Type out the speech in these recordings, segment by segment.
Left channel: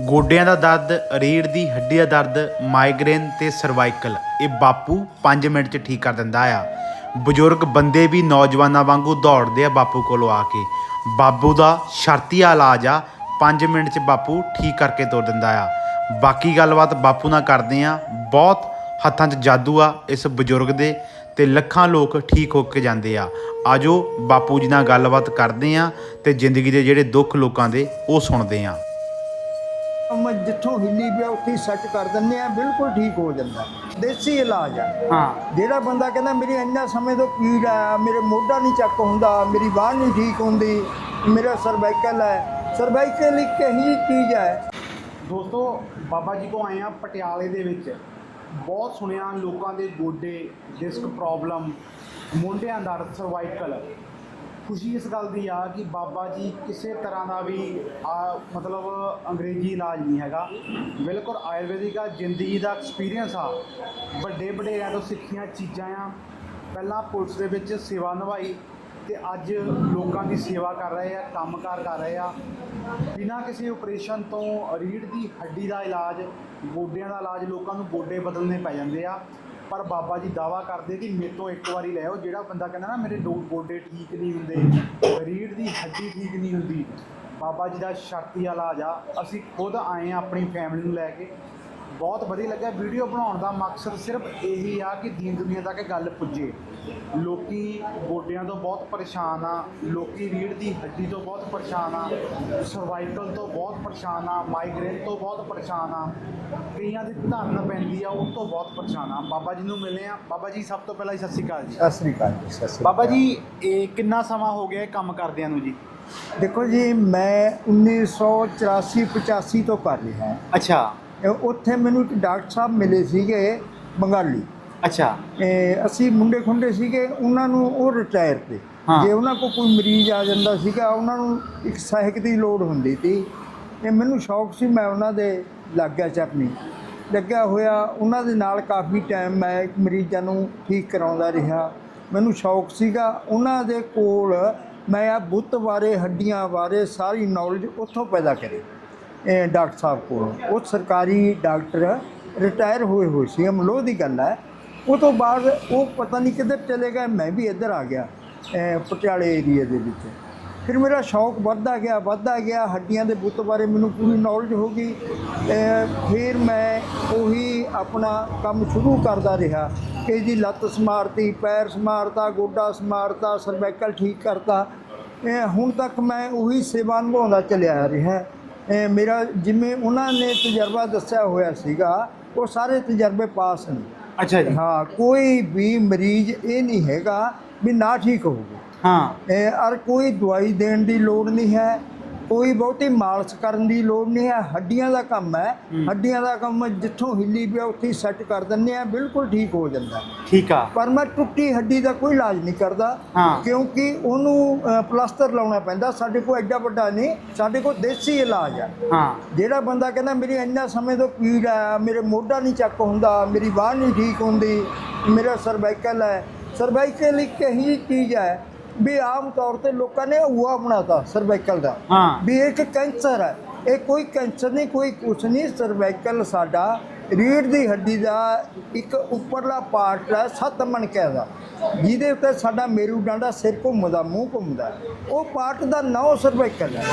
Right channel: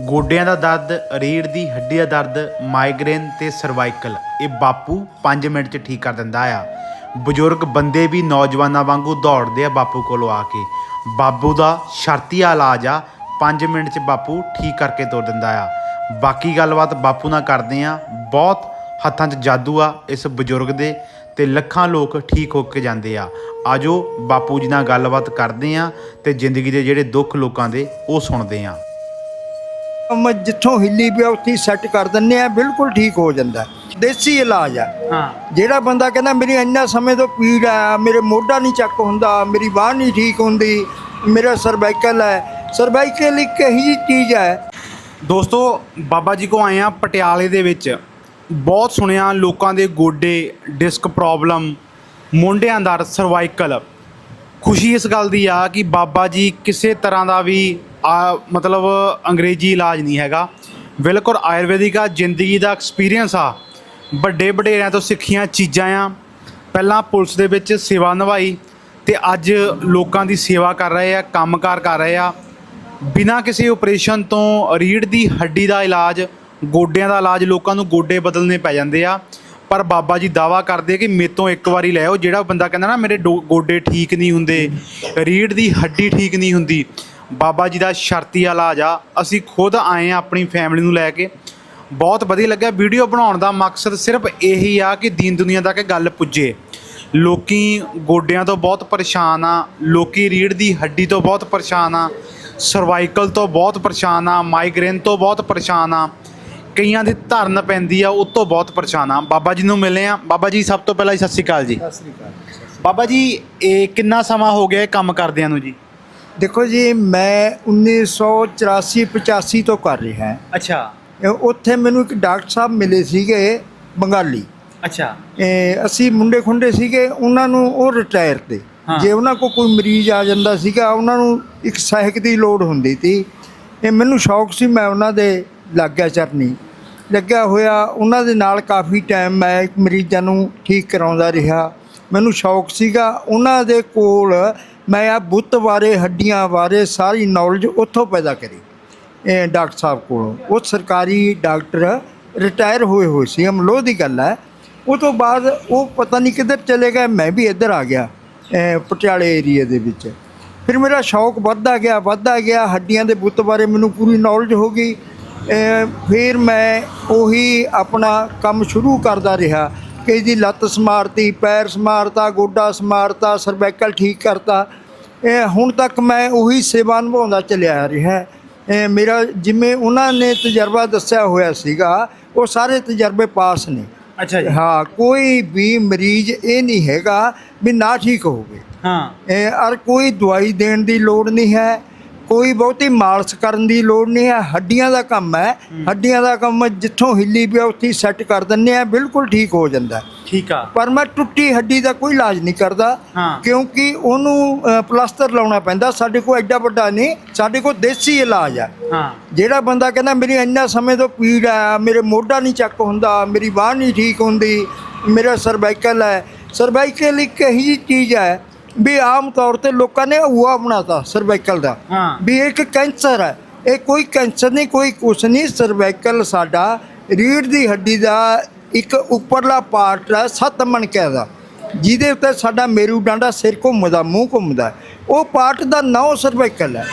ਗੋਡਿਆਂ ਦਾ ਦਰਦ ਰੀੜ ਦੀ ਹੱਡੀ ਦਾ ਦਰਦ ਮਾਈਗ੍ਰੇਨ ਤੇ ਸਰਵਾਈਕਲ ਇਹ ਬਾਪੂ 5 ਮਿੰਟ 'ਚ ਠੀਕ ਕਰ ਦਿੰਦਾ ਆ। ਬਜ਼ੁਰਗ ਬੰਦੇ ਵੀ ਨੌਜਵਾਨਾਂ ਵਾਂਗੂ ਦੌੜਦੇ ਆ ਬਾਪੂ ਕੋਲੋਂ ਆ ਕੇ। ਬਾਬੂ ਦਾ ਸ਼ਰਤੀਆ ਇਲਾਜ ਆ 5 ਮਿੰਟ 'ਚ ਬਾਪੂ ਠੀਕ ਕਰਕੇ ਤੋਰ ਦਿੰਦਾ ਆ। ਬਾਕੀ ਗੱਲਬਾਤ ਬਾਪੂ ਨਾਲ ਕਰਦੇ ਆ। ਬਹੁਤ ਹੱਥਾਂ 'ਚ ਜਾਦੂ ਆ ਇਸ ਬਜ਼ੁਰਗ ਦੇ ਤੇ ਲੱਖਾਂ ਲੋਕ ਠੀਕ ਹੋ ਕੇ ਜਾਂਦੇ ਆ। ਆਜੋ ਬਾਪੂ ਜੀ ਨਾਲ ਗੱਲਬਾਤ ਕਰਦੇ ਆ ਤੇ ਜ਼ਿੰਦਗੀ ਦੇ ਜਿਹੜੇ ਦੁੱਖ ਲੋਕਾਂ ਦੇ ਉਹ ਸੁਣਦੇ ਆ। ਕੰਮ ਜਿੱਥੋਂ ਹਿੱਲੀ ਪਿਆ ਉੱਥੇ ਸੈੱਟ ਕਰ ਦਿੰਨੇ ਆ ਬਿਲਕੁਲ ਠੀਕ ਹੋ ਜਾਂਦਾ ਹੈ। ਦੇਸੀ ਇਲਾਜ ਆ। ਹਾਂ। ਜਿਹੜਾ ਬੰਦਾ ਕਹਿੰਦਾ ਮੇਰੀ ਇੰਨਾ ਸਮੇਂ ਤੋਂ ਪੀੜ ਆ ਮੇਰੇ ਮੋਢਾ ਨਹੀਂ ਚੱਕ ਹੁੰਦਾ ਮੇਰੀ ਬਾਂਹ ਨਹੀਂ ਠੀਕ ਹੁੰਦੀ ਮੇਰਾ ਸਰਵਾਈਕਲ ਹੈ। ਸਰਵਾਈਕਲ ਇੱਕ ਜਿਹੀ ਚੀਜ਼ ਹੈ। ਦੋਸਤੋ ਬਾਬਾ ਜੀ ਕੋ ਆਏ ਆ ਪਟਿਆਲੇ ਦੇ ਵਿੱਚ। ਬਹੁਤ ਸੁਣਿਆ ਲੋਕਾਂ ਦੇ ਗੋਡੇ ਡਿਸਕ ਪ੍ਰੋਬਲਮ ਮੋਢਿਆਂ ਦਾ ਸਰਵਾਈਕਲ ਖੁਸ਼ੀ ਇਸ ਗੱਲ ਦੀ ਆ ਕਿ ਬਾਬਾ ਜੀ ਕਿਸੇ ਤਰ੍ਹਾਂ ਦਾ ਵੀ, ਆ, ਮਤਲਬ ਅੰਗਰੇਜ਼ੀ ਇਲਾਜ ਨਹੀਂ ਹੈਗਾ। ਬਿਲਕੁਲ ਆਯੁਰਵੈਦਿਕ ਆ, ਜ਼ਿੰਦਗੀ ਦਾ ਐਕਸਪੀਰੀਅੰਸ ਆ। ਵੱਡੇ ਵਡੇਰਿਆਂ ਤੋਂ ਸਿੱਖੀਆਂ ਚੀਜ਼ਾਂ ਆ। ਪਹਿਲਾਂ ਪੁਲਿਸ ਦੇ ਵਿੱਚ ਸੇਵਾ ਨਿਭਾਈ ਤੇ ਅੱਜ ਲੋਕਾਂ ਦੀ ਸੇਵਾ ਕਰ ਰਹੇ ਆ, ਕੰਮਕਾਰ ਕਰ ਰਹੇ ਆ। ਬਿਨਾਂ ਕਿਸੇ ਆਪਰੇਸ਼ਨ ਤੋਂ ਰੀੜ ਦੀ ਹੱਡੀ ਦਾ ਇਲਾਜ, ਗੋਡਿਆਂ ਦਾ ਇਲਾਜ, ਲੋਕਾਂ ਨੂੰ ਗੋਡੇ ਬਦਲਨੇ ਪੈ ਜਾਂਦੇ ਆ। ਪਰ ਬਾਬਾ ਜੀ ਦਾਵਾ ਕਰਦੇ ਆ ਕਿ ਮੇਰੇ ਤੋਂ ਇੱਕ ਵਾਰੀ ਲੈ ਆਓ। ਜਿਹੜਾ ਬੰਦਾ ਕਹਿੰਦਾ ਨਾ, ਮੇਰੇ ਡੋ- ਗੋਡੇ ਠੀਕ ਨਹੀਂ ਹੁੰਦੇ, ਰੀੜ੍ਹ ਦੀ ਹੱਡੀ ਠੀਕ ਨਹੀਂ ਹੁੰਦੀ, ਬਾਬਾ ਜੀ ਦਾ ਸ਼ਰਤੀ ਇਲਾਜ ਆ। ਅਸੀਂ ਖੁਦ ਆਏ ਆ ਆਪਣੀ ਫੈਮਿਲੀ ਨੂੰ ਲੈ ਕੇ। ਬਹੁਤ ਵਧੀਆ ਲੱਗਿਆ। ਵੀਡੀਓ ਬਣਾਉਣ ਦਾ ਮਕਸਦ ਸਿਰਫ ਇਹੀ ਆ ਕਿ ਦੀਨ ਦੁਨੀਆ ਤੱਕ ਗੱਲ ਪੁੱਜੇ। ਲੋਕੀ ਗੋਡਿਆਂ ਤੋਂ ਬਹੁਤ ਪਰੇਸ਼ਾਨ ਆ। ਲੋਕੀ ਰੀੜ੍ਹ ਦੀ ਹੱਡੀ ਤੋਂ ਬਹੁਤ ਪਰੇਸ਼ਾਨ ਆ। ਸਰਵਾਈਕਲ ਤੋਂ ਬਹੁਤ ਪਰੇਸ਼ਾਨ ਆ। ਮਾਈਗ੍ਰੇਨ ਤੋਂ ਬਹੁਤ ਪਰੇਸ਼ਾਨ ਆ। ਕਈਆਂ ਦੀ ਧਰਨ ਪੈਂਦੀ ਆ ਉਹ ਤੋਂ ਬਹੁਤ ਪਰੇਸ਼ਾਨ ਆ। ਬਾਬਾ ਜੀ ਨੂੰ ਮਿਲੇ ਆ। ਬਾਬਾ ਜੀ ਸਭ ਤੋਂ ਪਹਿਲਾਂ ਜੀ ਸਤਿ ਸ਼੍ਰੀ ਅਕਾਲ ਜੀ। ਸਤਿ ਸ੍ਰੀ ਅਕਾਲ ਜੀ, ਸਤਿ ਸ੍ਰੀ ਬਾਬਾ ਜੀ ਇਹ ਕਿੰਨਾ ਸਮਾਂ ਹੋ ਗਿਆ ਇਹ ਕੰਮ ਕਰਦਿਆਂ ਨੂੰ ਜੀ? ਅਕਾਲ। ਦੇਖੋ ਜੀ ਮੈਂ 1984 85 ਤੋਂ ਕਰ ਰਿਹਾ। ਅੱਛਾ। ਇਹ ਉੱਥੇ ਮੈਨੂੰ ਇੱਕ ਡਾਕਟਰ ਸਾਹਿਬ ਮਿਲੇ ਸੀਗੇ ਬੰਗਾਲੀ। ਅੱਛਾ। ਇਹ ਅਸੀਂ ਮੁੰਡੇ ਖੁੰਡੇ ਸੀਗੇ ਉਹਨਾਂ ਨੂੰ ਉਹ ਰਿਟਾਇਰ ਤੇ। ਹਾਂ। ਜੇ ਉਹਨਾਂ ਕੋਲ ਕੋਈ ਮਰੀਜ਼ ਆ ਜਾਂਦਾ ਸੀਗਾ ਉਹਨਾਂ ਨੂੰ ਇੱਕ ਸਹਾਇਕ ਦੀ ਲੋੜ ਹੁੰਦੀ ਸੀ। ਇਹ ਮੈਨੂੰ ਸ਼ੌਕ ਸੀ ਮੈਂ ਉਹਨਾਂ ਦੇ ਲੱਗ ਗਿਆ ਚਰਨੀ ਲੱਗਿਆ ਹੋਇਆ, ਉਹਨਾਂ ਦੇ ਨਾਲ ਕਾਫੀ ਟਾਈਮ ਮੈਂ ਮਰੀਜ਼ਾਂ ਨੂੰ ਠੀਕ ਕਰਾਉਂਦਾ ਰਿਹਾ। ਮੈਨੂੰ ਸ਼ੌਕ ਸੀਗਾ, ਉਹਨਾਂ ਦੇ ਕੋਲ ਮੈਂ ਆ ਬੁੱਤ ਬਾਰੇ ਹੱਡੀਆਂ ਬਾਰੇ ਸਾਰੀ ਨੌਲੇਜ ਉੱਥੋਂ ਪੈਦਾ ਕਰੀ, ਇਹ ਡਾਕਟਰ ਸਾਹਿਬ ਕੋਲੋਂ। ਉਹ ਸਰਕਾਰੀ ਡਾਕਟਰ ਰਿਟਾਇਰ ਹੋਏ ਹੋਏ ਸੀ ਅਮਲੋ ਦੀ ਗੱਲ ਹੈ। ਉਹ ਤੋਂ ਬਾਅਦ ਉਹ ਪਤਾ ਨਹੀਂ ਕਿੱਧਰ ਚਲੇ ਗਏ, ਮੈਂ ਵੀ ਇੱਧਰ ਆ ਗਿਆ ਪਟਿਆਲੇ ਏਰੀਏ ਦੇ ਵਿੱਚ। ਫਿਰ ਮੇਰਾ ਸ਼ੌਕ ਵੱਧਦਾ ਗਿਆ ਵੱਧਦਾ ਗਿਆ, ਹੱਡੀਆਂ ਦੇ ਬੁੱਤ ਬਾਰੇ ਮੈਨੂੰ ਪੂਰੀ ਨੌਲੇਜ ਹੋ ਗਈ। ਫਿਰ ਮੈਂ ਉਹੀ ਆਪਣਾ ਕੰਮ ਸ਼ੁਰੂ ਕਰਦਾ ਰਿਹਾ ਕਿ ਇਹਦੀ ਲੱਤ ਸਮਾਰਤੀ ਪੈਰ ਸਮਾਰਤਾ ਗੋਡਾ ਸਮਾਰਤਾ ਸਰਵਾਈਕਲ ਠੀਕ ਕਰਤਾ। ਇਹ ਹੁਣ ਤੱਕ ਮੈਂ ਉਹੀ ਸੇਵਾ ਨਿਭਾਉਂਦਾ ਚੱਲਿਆ ਆ ਰਿਹਾ। ਇਹ ਮੇਰਾ ਜਿਵੇਂ ਉਹਨਾਂ ਨੇ ਤਜਰਬਾ ਦੱਸਿਆ ਹੋਇਆ ਸੀਗਾ ਉਹ ਸਾਰੇ ਤਜਰਬੇ ਪਾਸ ਨੇ। ਅੱਛਾ ਜੀ। ਹਾਂ ਕੋਈ ਵੀ ਮਰੀਜ਼ ਇਹ ਨਹੀਂ ਹੈਗਾ ਵੀ ਨਾ ਠੀਕ ਹੋਵੇ। ਹਾਂ। ਇਹ ਔਰ ਕੋਈ ਦਵਾਈ ਦੇਣ ਦੀ ਲੋੜ ਨਹੀਂ ਹੈ। ਕੋਈ ਬਹੁਤੀ ਮਾਲਸ਼ ਕਰਨ ਦੀ ਲੋੜ ਨਹੀਂ ਹੈ। ਹੱਡੀਆਂ ਦਾ ਕੰਮ ਹੈ। ਹੱਡੀਆਂ ਦਾ ਕੰਮ ਜਿੱਥੋਂ ਹਿੱਲੀ ਪਿਆ ਉੱਥੇ ਸੈੱਟ ਕਰ ਦਿੰਨੇ ਆ ਬਿਲਕੁਲ ਠੀਕ ਹੋ ਜਾਂਦਾ। ਠੀਕ ਆ। ਪਰ ਮੈਂ ਟੁੱਟੀ ਹੱਡੀ ਦਾ ਕੋਈ ਇਲਾਜ ਨਹੀਂ ਕਰਦਾ। ਕਿਉਂਕਿ ਉਹਨੂੰ ਪਲਾਸਟਰ ਲਾਉਣਾ ਪੈਂਦਾ। ਸਾਡੇ ਕੋਲ ਐਡਾ ਵੱਡਾ ਨਹੀਂ ਸਾਡੇ ਕੋਲ ਦੇਸੀ ਇਲਾਜ ਆ ਹਾਂ। ਜਿਹੜਾ ਬੰਦਾ ਕਹਿੰਦਾ ਮੇਰੀ ਇੰਨਾ ਸਮੇਂ ਤੋਂ ਪੀੜ ਆ ਮੇਰੇ ਮੋਢਾ ਨਹੀਂ ਚੱਕ ਹੁੰਦਾ ਮੇਰੀ ਬਾਂਹ ਨਹੀਂ ਠੀਕ ਹੁੰਦੀ ਮੇਰਾ ਸਰਵਾਈਕਲ ਹੈ। ਸਰਵਾਈਕਲ ਇੱਕ ਇਹੀ ਚੀਜ਼ ਹੈ ਵੀ ਆਮ ਤੌਰ ਤੇ ਲੋਕਾਂ ਨੇ ਹੁਆ ਬਣਾਤਾ ਸਰਵਾਈਕਲ ਦਾ। ਹਾਂ। ਵੀ ਇਹ ਇੱਕ ਕੈਂਸਰ ਹੈ। ਇਹ ਕੋਈ ਕੈਂਸਰ ਨਹੀਂ ਕੋਈ ਕੁਛ ਨਹੀਂ। ਸਰਵਾਈਕਲ ਸਾਡਾ ਰੀੜ੍ਹ ਦੀ ਹੱਡੀ ਦਾ ਇੱਕ ਉੱਪਰਲਾ ਪਾਰਟ ਹੈ ਸੱਤ ਮਣਕਿਆਂ ਦਾ। ਜਿਹਦੇ ਉੱਤੇ ਸਾਡਾ ਮੇਰੂ ਡਾਂਡਾ ਸਿਰ ਘੁੰਮਦਾ ਮੂੰਹ ਘੁੰਮਦਾ। ਉਹ ਪਾਰਟ ਦਾ ਨਾਂ ਸਰਵਾਈਕਲ ਹੈ।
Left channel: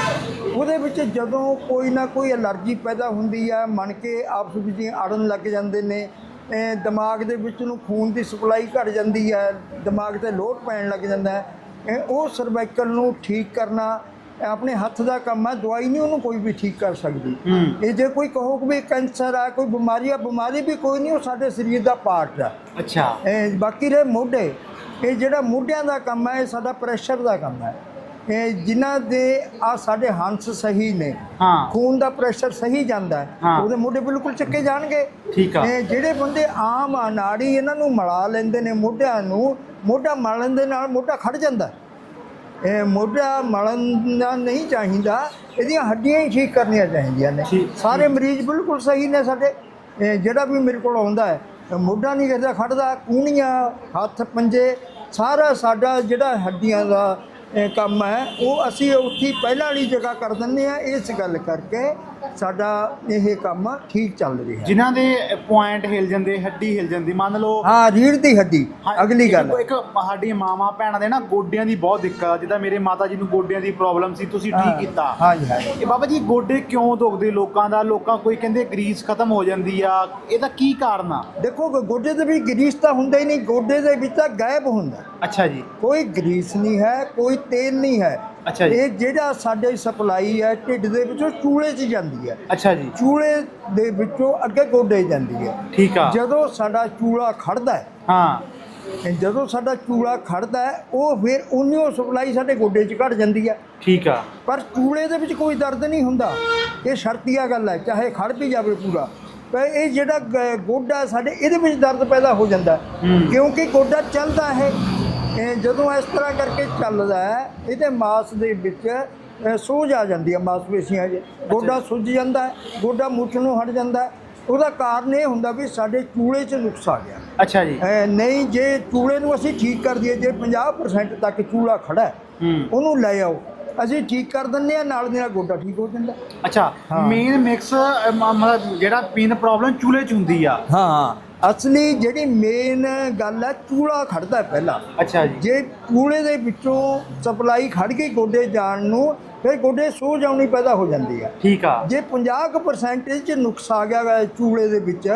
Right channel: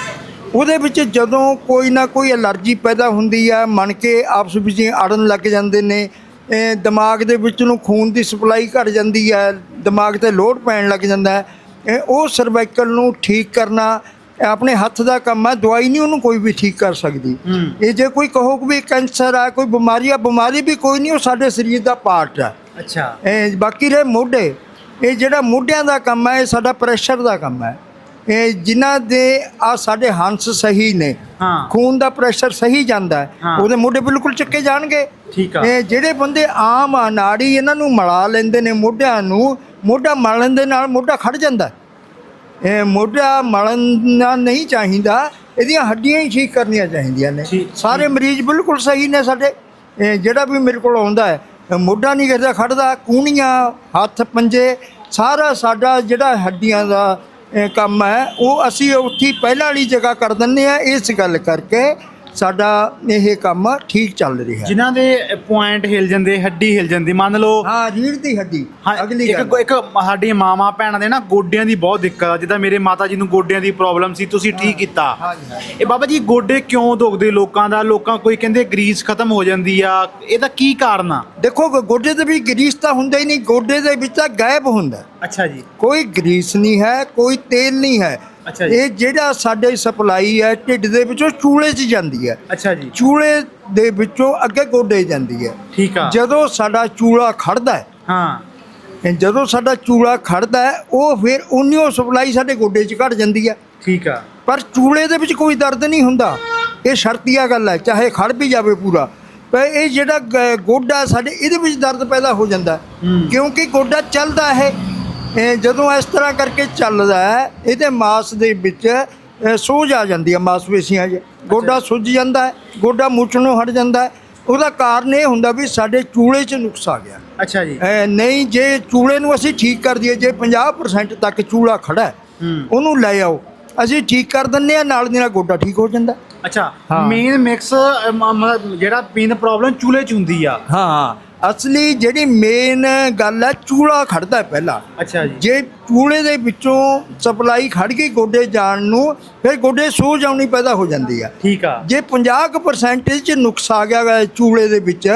ਉਹਦੇ ਵਿੱਚ ਜਦੋਂ ਕੋਈ ਨਾ ਕੋਈ ਅਲਰਜੀ ਪੈਦਾ ਹੁੰਦੀ ਹੈ ਮਣ ਕੇ ਆਪਸ ਵਿੱਚ ਅੜਨ ਲੱਗ ਜਾਂਦੇ ਨੇ। ਇਹ ਦਿਮਾਗ ਦੇ ਵਿੱਚ ਨੂੰ ਖੂਨ ਦੀ ਸਪਲਾਈ ਘਟ ਜਾਂਦੀ ਹੈ ਦਿਮਾਗ ਤੇ ਲੋਡ ਪੈਣ ਲੱਗ ਜਾਂਦਾ ਹੈ। ਇਹ ਉਹ ਸਰਵਾਈਕਲ ਨੂੰ ਠੀਕ ਕਰਨਾ ਆਪਣੇ ਹੱਥ ਦਾ ਕੰਮ ਹੈ ਦਵਾਈ ਨਹੀਂ ਉਹਨੂੰ ਕੋਈ ਵੀ ਠੀਕ ਕਰ ਸਕਦੀ। ਇਹ ਜੇ ਕੋਈ ਕਹੋ ਕਿ ਵੀ ਕੈਂਸਰ ਆ ਕੋਈ ਬਿਮਾਰੀ ਆ ਬਿਮਾਰੀ ਵੀ ਕੋਈ ਨਹੀਂ ਉਹ ਸਾਡੇ ਸਰੀਰ ਦਾ ਪਾਰਟ ਹੈ ਅੱਛਾ। ਇਹ ਬਾਕੀ ਰਹੇ ਮੋਢੇ। ਇਹ ਜਿਹੜਾ ਮੋਢਿਆਂ ਦਾ ਕੰਮ ਹੈ ਇਹ ਸਾਡਾ ਪ੍ਰੈਸ਼ਰ ਦਾ ਕੰਮ ਹੈ ਇਹ ਜਿਨ੍ਹਾਂ ਦੇ ਆ ਸਾਡੇ ਹੰਸ ਸਹੀ ਨੇ ਹਾਂ। ਖੂਨ ਦਾ ਪ੍ਰੈਸ਼ਰ ਸਹੀ ਜਾਂਦਾ ਹੈ। ਉਹਦੇ ਮੋਢੇ ਬਿਲਕੁਲ ਚੱਕੇ ਜਾਣਗੇ। ਠੀਕ ਆ। ਇਹ ਜਿਹੜੇ ਬੰਦੇ ਆਮ ਆ ਨਾੜੀ ਇਹਨਾਂ ਨੂੰ ਮਲਾ ਲੈਂਦੇ ਨੇ ਮੋਢਿਆਂ ਨੂੰ ਮੋਢਾ ਮਲਣ ਦੇ ਨਾਲ ਮੋਢਾ ਖੜ ਜਾਂਦਾ। ਇਹ ਮੋਢਾ ਮਲਣਾ ਨਹੀਂ ਚਾਹੀਦਾ ਇਹਦੀਆਂ ਹੱਡੀਆਂ ਹੀ ਠੀਕ ਕਰਨੀਆਂ ਚਾਹੀਦੀਆਂ ਨੇ। ਸਾਰੇ ਮਰੀਜ਼ ਬਿਲਕੁਲ ਸਹੀ ਨੇ ਸਾਡੇ। ਜਿਹੜਾ ਵੀ ਮੇਰੇ ਕੋਲ ਆਉਂਦਾ ਹੈ ਮੋਢਾ ਨਹੀਂ ਕਰਦਾ ਖੜਦਾ ਕੂਣੀਆਂ ਹੱਥ ਪੰਜੇ ਸਾਰਾ ਸਾਡਾ ਜਿਹੜਾ ਹੱਡੀਆਂ ਦਾ ਕੰਮ ਹੈ। ਉਹ ਅਸੀਂ ਉੱਥੇ ਪਹਿਲਾਂ ਵਾਲੀ ਜਗ੍ਹਾ ਕਰ ਦਿੰਦੇ ਆ ਇਸ ਗੱਲ ਕਰਕੇ। ਸਾਡਾ ਇਹ ਕੰਮ ਠੀਕ ਚੱਲ ਰਿਹਾ ਜਿਨ੍ਹਾਂ ਦੇ ਪੁਆਇੰਟ ਹਿਲ ਜਾਂਦੇ ਹੱਡੀ ਹਿਲ ਜਾਂਦੀ ਮੰਨ ਲਓ ਹਾਂ ਰੀੜ ਦੀ ਹੱਡੀ ਹਾਂ, ਅਗਲੀ ਇੱਕ- ਗੱਲ ਇੱਕ ਸਾਡੀਆਂ ਮਾਵਾਂ ਭੈਣਾਂ ਦੇ ਨਾ ਗੋਡਿਆਂ ਦੀ ਬਹੁਤ ਦਿੱਕਤ ਆ ਜਿੱਦਾਂ ਮੇਰੇ ਮਾਤਾ ਜੀ ਨੂੰ ਗੋਡਿਆਂ ਦੀ ਪ੍ਰੋਬਲਮ ਸੀ ਤੁਸੀਂ ਠੀਕ ਕੀਤਾ। ਹਾਂ ਜੀ ਹਾਂ ਇਹ ਬਾਬਾ ਜੀ ਗੋਡੇ ਕਿਉਂ ਦੁਖਦੇ ਲੋਕਾਂ ਦਾ? ਲੋਕਾਂ ਕੋਈ ਕਹਿੰਦੇ ਗਰੀਸ ਖਤਮ ਹੋ ਜਾਂਦੀ ਆ। ਇਹਦਾ ਕੀ ਕਾਰਨ ਆ? ਦੇਖੋ ਗੋ- ਗੋਡੇ ਤੇ ਵੀ ਗਰੀਸ ਤਾਂ ਹੁੰਦਾ ਹੀ ਨਹੀਂ ਗੋਡੇ ਦੇ ਵਿੱਚ ਤਾਂ ਗਾਇਬ ਹੁੰਦਾ। ਅੱਛਾ ਜੀ। ਕੋਈ ਗਰੀਸ ਨਹੀਂ ਹੈ ਕੋਈ ਤੇਲ ਨਹੀਂ ਹੈ। ਅੱਛਾ ਜੀ। ਇਹ ਜਿਹੜਾ ਸਾਡੇ ਸਪਲਾਈ ਹੈ ਢਿੱਡ ਦੇ ਵਿੱਚੋਂ ਚੂਲੇ 'ਚ ਜਾਂਦੀ ਹੈ। ਅੱਛਾ ਜੀ। ਚੂਲੇ ਦੇ ਵਿੱਚੋਂ ਅੱਗੇ ਗੋਡੇ ਜਾਂਦੀ ਹੈ। ਠੀਕ ਆ। ਜਦੋਂ ਸਾਡਾ ਚੂਲਾ ਖੜਦਾ ਹੈ ਹਾਂ। ਜਦੋਂ ਸਾਡਾ ਚੂਲਾ ਖੜਦਾ ਹੈ ਉਹ ਫਿਰ ਉਨੀਓ ਸਪਲਾਈ ਸਾਡੇ ਗੋਡੇ 'ਚ ਘਟ ਜਾਂਦੀ ਹੈ। ਠੀਕ ਆ। ਪਰ ਚੂਲੇ ਦੇ ਵਿੱਚ ਕੋਈ ਦਰਦ ਨਹੀਂ ਹੁੰਦਾ। ਇਹ ਸ਼ਰਤੀਆ ਗੱਲ ਹੈ ਚਾਹੇ ਖੜ ਵੀ ਜਾਵੇ ਪੂਰਾ। ਪਰ ਇਹ ਜਿਹੜਾ ਗ- ਗੋਡਾ ਸਾਡੇ ਇਹਦੇ ਵਿੱਚ ਦਰਦ ਪੈਦਾ ਹੋ ਜਾਂਦਾ। ਹੂੰ। ਕਿਉਂਕਿ ਗੋਡਾ ਚੱਲਦਾ ਹੈ ਇਹ ਜਦੋਂ ਇਸ ਤਰ੍ਹਾਂ ਕਰਕੇ ਚੱਲਦਾ ਹੈ ਇਹਦੇ ਮਾਸ ਦੇ ਵਿੱਚ ਸੋਜ ਆ ਜਾਂਦੀ ਹੈ ਮਾਸਪੇਸ਼ੀਆਂ 'ਚ। ਗੋਡਾ ਸੁੱਜ ਜਾਂਦਾ ਹੈ ਗੋਡਾ ਮੁੱਠਣੋਂ ਹਟ ਜਾਂਦਾ ਹੈ। ਉਹਦਾ ਕਾਰਨ ਇਹ ਹੁੰਦਾ ਵੀ ਸਾਡੇ ਚੂਲੇ 'ਚ ਨੁਕਸ ਆ ਗਿਆ। ਅੱਛਾ ਜੀ। ਨਹੀਂ ਜੇ ਚੂਲੇ ਨੂੰ ਅਸੀਂ ਠੀਕ ਕਰ ਦਈਏ ਜੇ 50% ਤੱਕ ਚੂਲਾ ਖੜਾ ਹੈ ਉਹਨੂੰ ਲੈ ਆਓ। ਅਸੀਂ ਠੀਕ ਕਰ ਦਿੰਨੇ ਆ ਨਾਲ ਦੀ ਨਾਲ ਗੋਡਾ ਠੀਕ ਹੋ ਜਾਂਦਾ। ਅੱਛਾ। ਮੇਨ ਮਿਕਸ ਜਿਹੜਾ ਪੀਨ ਪ੍ਰੋਬਲਮ ਚੂਲੇ ਚ ਹੁੰਦੀ ਆ। ਹਾਂ। ਅਸਲੀ ਜਿਹੜੀ ਮੇਨ ਗੱਲ ਹੈ ਚੂਲਾ ਖੜਦਾ ਹੈ ਪਹਿਲਾਂ। ਅੱਛਾ ਜੀ। ਜੇ ਚੂਲੇ ਦੇ ਵਿੱਚੋਂ ਸਪਲਾਈ ਖੜ ਗਈ ਗੋਡੇ ਜਾਣ ਨੂੰ ਫਿਰ ਗੋਡੇ ਸੋਜ ਆਉਣੀ ਪੈਦਾ ਹੋ ਜਾਂਦੀ ਆ। ਠੀਕ ਆ। ਜੇ 50% ਚ ਨੁਕਸ ਆ ਗਿਆ ਚੂਲੇ ਦੇ ਵਿੱਚ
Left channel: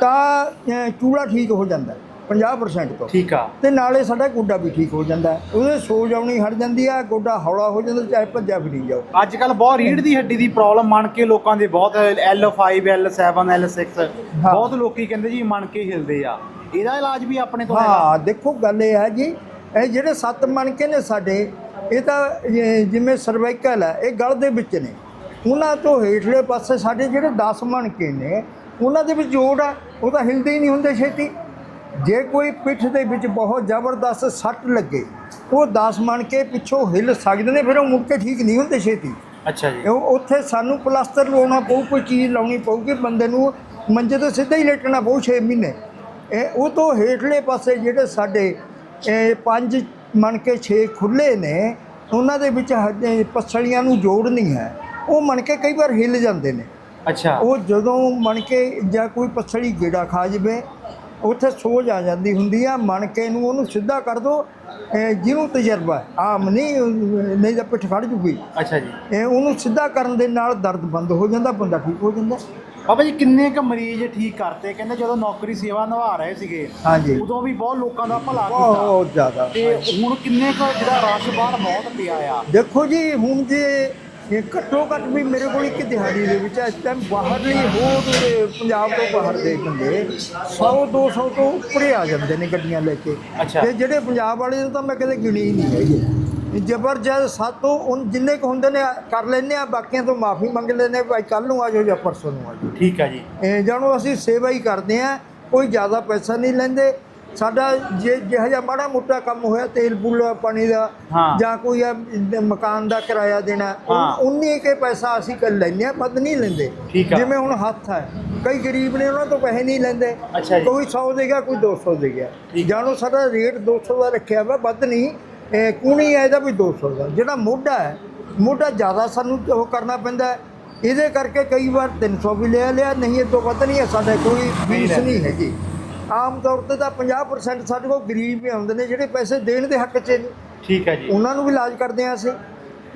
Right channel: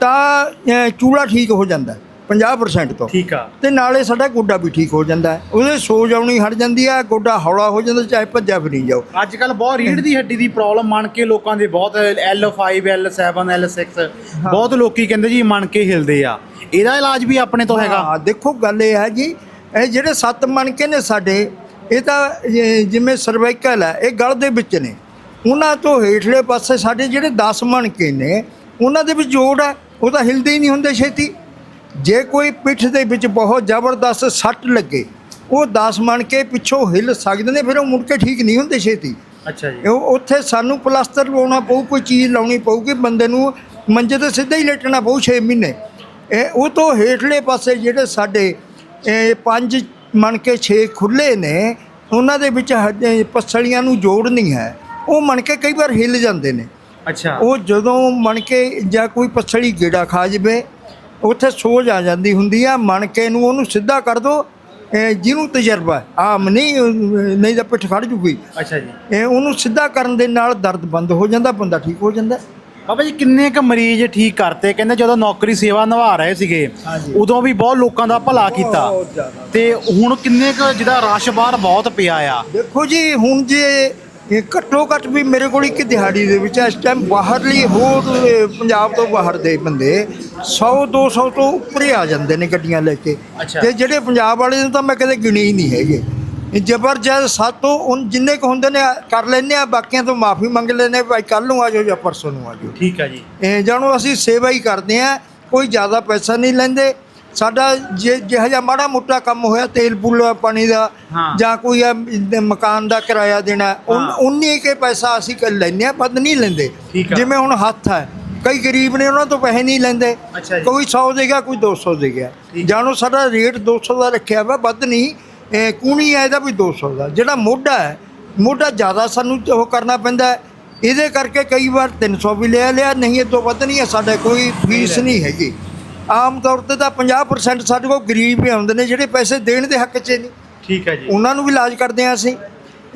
ਤਾਂ ਚੂਲਾ ਠੀਕ ਹੋ ਜਾਂਦਾ। 50% ਤੋਂ। ਠੀਕ ਆ। ਤੇ ਨਾਲੇ ਸਾਡਾ ਗੋਡਾ ਵੀ ਠੀਕ ਹੋ ਜਾਂਦਾ ਹੈ। ਉਹਦੇ ਸੋਜ ਆਉਣੀ ਹਟ ਜਾਂਦੀ ਹੈ ਗੋਡਾ ਹੌਲਾ ਹੋ ਜਾਂਦਾ ਚਾਹੇ ਭੱਜਾ ਫਿਰੀ ਜਾਓ। ਅੱਜ ਕੱਲ ਬਹੁਤ ਰੀੜ ਦੀ ਹੱਡੀ ਦੀ ਪ੍ਰੋਬਲਮ ਮੰਨ ਕੇ ਲੋਕਾਂ ਦੇ ਬਹੁਤ L5 L7 L6 ਬਹੁਤ ਲੋਕੀ ਕਹਿੰਦੇ ਜੀ ਮੰਨ ਕੇ ਹਿਲਦੇ ਆ। ਇਹਦਾ ਇਲਾਜ ਵੀ ਆਪਣੇ ਤੋਂ ਹੈਗਾ। ਹਾਂ ਦੇਖੋ ਗੱਲ ਇਹ ਹੈ ਜੀ ਇਹ ਜਿਹੜੇ ਸੱਤ ਮਣਕੇ ਨੇ ਸਾਡੇ ਇਹ ਤਾਂ ਇਹ ਜਿਵੇਂ ਸਰਵਾਈਕਲ ਹੈ ਇਹ ਗਲ ਦੇ ਵਿੱਚ ਨੇ। ਉਹਨਾਂ ਤੋਂ ਹੇਠਲੇ ਪਾਸੇ ਸਾਡੇ ਜਿਹੜੇ 10 ਮਣਕੇ ਨੇ ਉਹਨਾਂ ਦੇ ਵਿੱਚ ਜੋੜ ਹੈ ਉਹ ਤਾਂ ਹਿਲਦੇ ਹੀ ਨਹੀਂ ਹੁੰਦੇ ਛੇਤੀ। ਜੇ ਕੋਈ ਪਿੱਠ ਦੇ ਵਿੱਚ ਬਹੁਤ ਜ਼ਬਰਦਸਤ ਸੱਟ ਲੱਗੇ ਉਹ 10 ਮਣਕੇ ਪਿੱਛੋਂ ਹਿਲ ਸਕਦੇ ਨੇ ਫਿਰ ਉਹ ਮੁੜ ਕੇ ਠੀਕ ਨਹੀਂ ਹੁੰਦੇ ਛੇਤੀ। ਅੱਛਾ ਜੀ। ਉੱਥੇ ਸਾਨੂੰ ਪਲਾਸਟਰ ਲਾਉਣਾ ਪਊ ਕੋਈ ਚੀਜ਼ ਲਾਉਣੀ ਪਊਗੀ ਬੰਦੇ ਨੂੰ ਮੰਜੇ ਤੇ ਸਿੱਧਾ ਹੀ ਲੇਟਣਾ ਪਊ 6 ਮਹੀਨੇ। ਇਹ ਉਹ ਤੋਂ ਹੇਠਲੇ ਪਾਸੇ ਜਿਹੜੇ ਸਾਡੇ ਇਹ ਪੰਜ ਮਣਕੇ 6 ਖੁੱਲੇ ਨੇ ਉਹਨਾਂ ਦੇ ਵਿੱਚ ਪਸਲੀਆਂ ਨੂੰ ਜੋੜ ਨਹੀਂ ਹੈ। ਉਹ ਮਣਕੇ ਕਈ ਵਾਰ ਹਿੱਲ ਜਾਂਦੇ ਨੇ। ਅੱਛਾ। ਉਹ ਜਦੋਂ ਮਣਕੇ ਜਾਂ ਕੋਈ ਪਸਲੀ ਗੇੜਾ ਖਾ ਜਵੇ ਉੱਥੇ ਸੋਜ ਆ ਜਾਂਦੀ ਹੁੰਦੀ ਆ ਮਣਕੇ ਨੂੰ ਉਹਨੂੰ ਸਿੱਧਾ ਕਰ ਦੋ ਜਿਹਨੂੰ ਤਜਰਬਾ ਆਮ ਨਹੀਂ ਨਹੀਂ ਤਾਂ ਪਿੱਠ ਖੜ ਜੂਗੀ। ਅੱਛਾ ਜੀ। ਇਹ ਉਹਨੂੰ ਸਿੱਧਾ ਕਰਨ ਦੇ ਨਾਲ ਦਰਦ ਬੰਦ ਹੋ ਜਾਂਦਾ ਬੰਦਾ ਠੀਕ ਹੋ ਜਾਂਦਾ। ਬਾਬਾ ਜੀ ਕਿੰਨੇ ਕ ਮਰੀਜ਼ ਠੀਕ ਕਰਤੇ? ਕਹਿੰਦੇ ਜਦੋਂ ਨੌਕਰੀ ਸੇਵਾ ਨਿਭਾ ਰਹੇ ਸੀਗੇ ਹਾਂਜੀ। ਉਦੋਂ ਵੀ ਬਹੁਤ ਲੋਕਾਂ ਦਾ ਭਲਾ ਕੀਤਾ। ਬਹੁਤ ਜ਼ਿਆਦਾ। ਤੇ ਹੁਣ ਕਿੰਨੇ ਕ ਜਿਹਦਾ ਰਸ਼ ਬਾਹਰ ਬਹੁਤ ਪਿਆ ਆ? ਦੇਖੋ ਜੀ ਹੁਣ ਜੇ ਇਹ ਘੱਟੋ ਘੱਟ ਵੀ ਮੇਰੇ ਕੋਲ ਇੱਕ ਦਿਹਾੜੀ ਦੇ ਵਿੱਚ ਇਸ ਟਾਈਮ ਬਾਹਰਲੀ ਹੋਰ ਪੰਜਾਬ ਤੋਂ ਬਾਹਰ ਦੇ ਬੰਦੇ 100 200 ਤੋਂ ਉੱਪਰ ਆ ਜਾਂਦੇ ਨੇ ਗੱਡੀਆਂ ਲੈ ਕੇ। ਤੇ ਜਿਹੜੇ ਪੰਜਾਬ ਵਾਲੇ ਨੇ ਤਾਂ ਮੈਂ ਕਦੇ ਗਿਣੇ ਹੀ ਨਹੀਂ ਹੈਗੇ। ਇਹ ਜ਼ਬਰਦਸਤ ਸਾਤੋਂ ਉਨ ਜਿੰਨੇ ਕੁ ਹੁੰਦੇ ਨੇ ਕਰ ਲੈਂਦੇ ਆ ਬਾਕੀਆਂ ਤੋਂ ਮਾਫੀ ਮੰਗ ਲੈਂਦੇ ਭਾਈ ਕੱਲ ਨੂੰ ਆ ਜਾਓ ਜਾਂ ਪਰਸੋਂ ਨੂੰ ਆ ਜਾਓ। ਠੀਕ ਆ ਜੀ। ਇਹ ਜਾਣੋ ਅਸੀਂ ਸੇਵਾ ਹੀ ਕਰਦੇ ਆ ਕੋਈ ਜ਼ਿਆਦਾ ਪੈਸਾ ਨਹੀਂ ਲੈਂਦੇ। ਸਾਡਾ ਜੇ ਜਿਹੋ ਜਿਹਾ ਮਾੜਾ ਮੋਟਾ ਕੰਮ ਹੋਇਆ ਤੇਲ ਪੂਲ ਪਾਣੀ ਦਾ ਹਾਂ। ਜਾਂ ਕੋਈ ਆ ਮਕਾਨ ਦਾ ਕਿਰਾਇਆ ਦੇਣਾ ਹਾਂ। ਉਨੀ ਕੇ ਪੈਸਾ ਅਸੀਂ ਕਰ ਲੈਂਦੇ ਆ ਵੱਧ ਨਹੀਂ ਲੈਂਦੇ ਠੀਕ ਆ। ਜਿਵੇਂ ਹੁਣ ਹੱਥ ਹੈ ਕਈ ਗਰੀਬ ਨੇ ਉਹਨਾਂ ਤੋਂ ਪੈਸੇ ਨਹੀਂ ਲੈਂਦੇ ਅੱਛਾ ਜੀ। ਕੋਈ 100 ਦੇਗਾ ਕੋਈ 200 ਦੇਗਾ ਠੀਕ। ਜਾਣੋ ਸਾਡਾ ਰੇਟ 200 ਦਾ ਰੱਖਿਆ ਵਾ ਵੱਧ ਨਹੀਂ ਇਹ ਕੂਣੀ ਹੈ ਇਹਦਾ ਵੀ 200 ਦਾ ਜਿਹੜਾ ਮੋਢਾ ਹੈ ਮੋਢਾ ਜ਼ਿਆਦਾ ਸਾਨੂੰ ਉਹ ਕਰਨਾ ਪੈਂਦਾ ਹੈ। ਇਹਦੇ ਕਰਕੇ ਕਈ ਵਾਰ 300 ਵੀ ਲਿਆ ਲਿਆ ਨਹੀਂ ਇਹ ਤੋਂ ਵੱਧ ਨਹੀਂ ਹੈ ਸਾਡੇ ਕੋਈ ਫੀਸ ਨਹੀਂ ਹੈਗੀ ਆਮ ਤੌਰ ਤੇ ਤਾਂ 50% ਸਾਡੇ ਕੋਲ ਗਰੀਬ ਹੀ ਆਉਂਦੇ ਨੇ ਜਿਹੜੇ ਪੈਸੇ ਦੇਣ ਦੇ ਹੱਕ 'ਚ ਨਹੀਂ। ਠੀਕ ਆ ਜੀ। ਉਹਨਾਂ ਨੂੰ ਵੀ ਇਲਾਜ ਕਰਦੇ ਹਾਂ ਅਸੀਂ।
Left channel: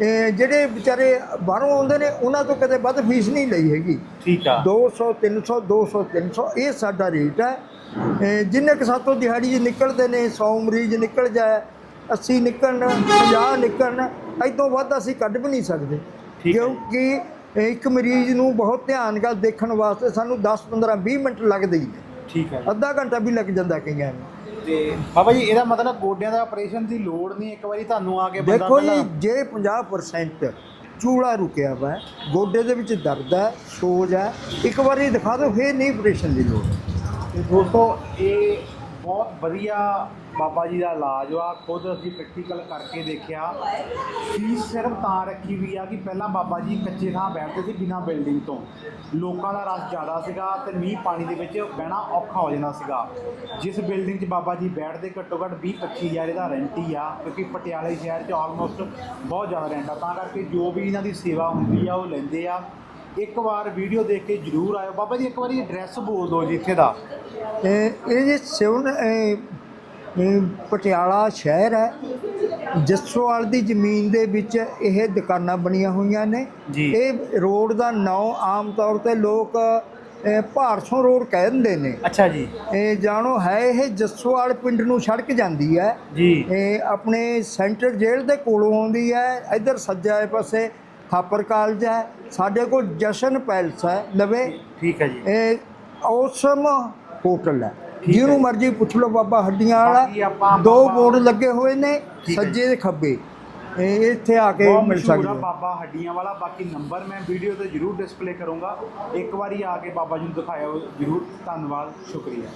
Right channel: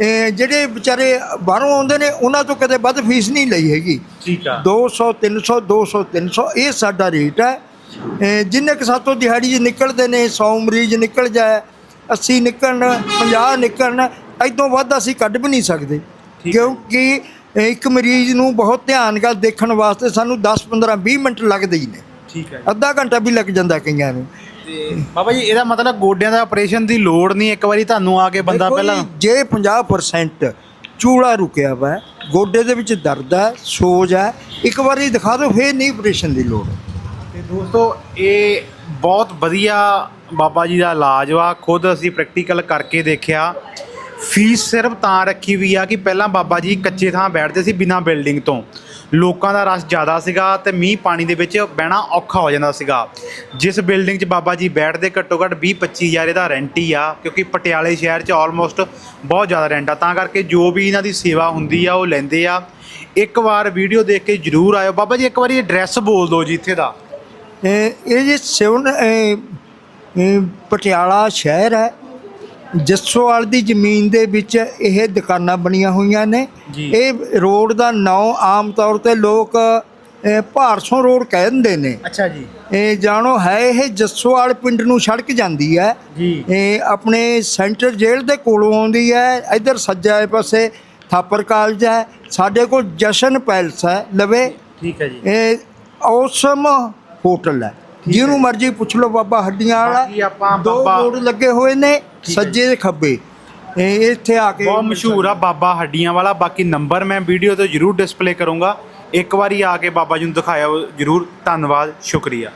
ਇਹ ਜਿਹੜੇ ਵਿਚਾਰੇ ਬਾਹਰੋਂ ਆਉਂਦੇ ਨੇ ਉਹਨਾਂ ਤੋਂ ਕਦੇ ਵੱਧ ਫੀਸ ਨਹੀਂ ਲਈ ਹੈਗੀ। ਠੀਕ ਆ। 200 300 200 300 ਇਹ ਸਾਡਾ ਰੇਟ ਹੈ। ਜਿੰਨੇ ਕਿ ਸਾਤੋਂ ਦਿਹਾੜੀ 'ਚ ਨਿਕਲਦੇ ਨੇ 100 ਮਰੀਜ਼ ਨਿਕਲ ਜਾਏ 80 ਨਿਕਲਣ 50 ਨਿਕਲਣ ਐਦੋਂ ਵੱਧ ਅਸੀਂ ਕੱਢ ਵੀ ਨਹੀਂ ਸਕਦੇ। ਕਿਉਂਕਿ ਇੱਕ ਮਰੀਜ਼ ਨੂੰ ਬਹੁਤ ਧਿਆਨ ਨਾਲ ਦੇਖਣ ਵਾਸਤੇ ਸਾਨੂੰ 10 15 20 ਮਿੰਟ ਲੱਗਦੇ ਹੀ ਨੇ। ਠੀਕ ਜੀ। ਅੱਧਾ ਘੰਟਾ ਵੀ ਲੱਗ ਜਾਂਦਾ ਕਈਆਂ ਨੂੰ। ਤੇ ਬਾਬਾ ਜੀ ਇਹਦਾ ਮਤਲਬ ਗੋਡਿਆਂ ਦਾ ਆਪਰੇਸ਼ਨ ਦੀ ਲੋੜ ਨਹੀਂ ਇੱਕ ਵਾਰੀ ਤੁਹਾਨੂੰ ਆ ਕੇ ਬੰਦਾ ਦੇਖੋ ਪਹਿਲਾਂ ਜੀ, ਜੇ 50% ਚੂੜਾ ਰੁਕਿਆ ਵਾ ਹੈ, ਗੋਡੇ ਦੇ ਵਿੱਚ ਦਰਦ ਹੈ ਸੋਜ ਹੈ ਇੱਕ ਵਾਰੀ ਦਿਖਾ ਦਿਓ ਫੇਰ ਨਹੀਂ ਆਪਰੇਸ਼ਨ ਦੀ ਲੋੜ। ਤੇ ਦੋਸਤੋ ਇਹ ਬਹੁਤ ਵਧੀਆ ਬਾਬਾ ਜੀ ਦਾ ਇਲਾਜ ਵਾ ਖੁਦ ਅਸੀਂ ਪ੍ਰੈਕਟੀਕਲ ਕਰਕੇ ਦੇਖਿਆ। ਫੀਸ ਸਿਰਫ ਤਾਂ ਰੱਖੀ ਵੀ ਆ ਕਿ ਪਹਿਲਾਂ ਬਾਬਾ ਜੀ ਕੱਚੇ ਥਾਂ ਬੈਠਦੇ ਸੀ ਬਿਨਾਂ ਬਿਲਡਿੰਗ ਤੋਂ। ਲੋਕਾਂ ਦਾ ਰਸ਼ ਜ਼ਿਆਦਾ ਸੀਗਾ ਤੇ ਮੀਂਹ ਪਾਣੀ ਦੇ ਵਿੱਚ ਬਹਿਣਾ ਔਖਾ ਹੋ ਜਾਂਦਾ ਸੀਗਾ। ਜਿਸ ਬਿਲਡਿੰਗ 'ਚ ਬਾਬਾ ਜੀ ਬੈਠਦੇ ਘੱਟੋ ਘੱਟ 20 25 ਹਜ਼ਾਰ ਇਹਦਾ ਰੈਂਟ ਹੀ ਆ, ਕਿਉਂਕਿ ਪਟਿਆਲੇ ਸ਼ਹਿਰ 'ਚ ਆਲਮੋਸਟ ਬਹੁਤ ਜ਼ਿਆਦਾ ਰੈਂਟ ਆ। ਤਾਂ ਕਰਕੇ ਜੋ ਵੀ ਇਹਨਾਂ ਦੀ ਸੇਵਾ ਹੁੰਦੀ ਆ, ਉਹ ਲੈਂਦੇ ਆ। ਇੱਕ ਵਾਰ ਵੀਡੀਓ ਦੇਖ ਕੇ ਜਰੂਰ ਆਇਓ। ਬਾਬਾ ਜੀ, ਇੱਕ ਵਾਰੀ ਐਡਰੈਸ ਬੋਲ ਦਿਓ ਜੀ ਇੱਥੇ ਦਾ। ਇਹ ਇਹ ਜੀ ਸਿਵਨ ਪਟਿਆਲਾ ਸ਼ਹਿਰ ਹੈ। ਜੱਸੋਵਾਲ ਦੀ ਜ਼ਮੀਨ ਦੇ ਵਿੱਚ ਇਹ ਦੁਕਾਨਾਂ ਬਣੀਆਂ ਹੋਈਆਂ ਨੇ। ਇਹ ਰੋਡ ਦਾ ਨਾਂ ਆਮ ਤੌਰ ਤੇ ਲੋਕ ਇਹ ਭਾਰਸੋਂ ਰੋਡ ਕਹਿ ਦਿੰਦੇ ਨੇ। ਅੱਛਾ ਜੀ। ਇਹ ਜਾਣੋ ਹੈ ਇਹ ਜੱਸੋਵਾਲ ਪਿੰਡ ਨੂੰ ਸੜਕ ਜਾਂਦੀ ਹੈ। ਜੀ। ਇਹ ਆਪਣੇ ਸੈਂਟਰ ਜੇਲ੍ਹ ਦੇ ਕੋਲੋਂ ਆਉਂਦੀ ਹੈ। ਇੱਧਰ ਸੱਜੇ ਪਾਸੇ ਥਾਪਰ ਕਾਲਜ ਹੈ। ਸਾਡੇ ਕੋਲ ਜਸ਼ਨ ਪੈਲਸ ਹੈ। ਲਵੇ ਠੀਕ ਹੈ ਜੀ। ਇਹ ਔਸਮ ਹੋਟਲ ਹੈ। ਜਿਹਨੂੰ ਮਰਜ਼ੀ ਪੁੱਛ ਲਓ ਬਾਬਾ ਹੱਡੀਆਂ ਵਾਲਾ। ਆਪਾਂ ਦੋ ਬਾਬਾ- ਬੋਰਡ ਲੱਗੇ ਹੋਏ ਨੇ ਸੱਜੇ ਤੇ ਖੱਬੇ। ਇਹ ਇੱਥੇ ਆ ਕੇ ਬਹੁਤ ਮਿਲ ਮਸ਼ਹੂਰ ਆ ਸਕਦੇ। ਬਾਬਾ ਹੱਡੀਆਂ ਵਾਲਾ। ਬਾਕੀ ਨੰਬਰ ਮੈਂ ਵੀਡੀਓ ਤੇ ਜਰੂਰ ਡਿਸਪਲੇ ਕਰੂੰਗਾ। ਇੱਕ ਵਾਰੀ ਆ ਕੇ ਬਾਬਾ ਜੀ ਨੂੰ ਦਿਖਾਇਆ ਜਰੂਰ ਧੰਨਵਾਦ ਸ਼ੁਕਰੀਆ।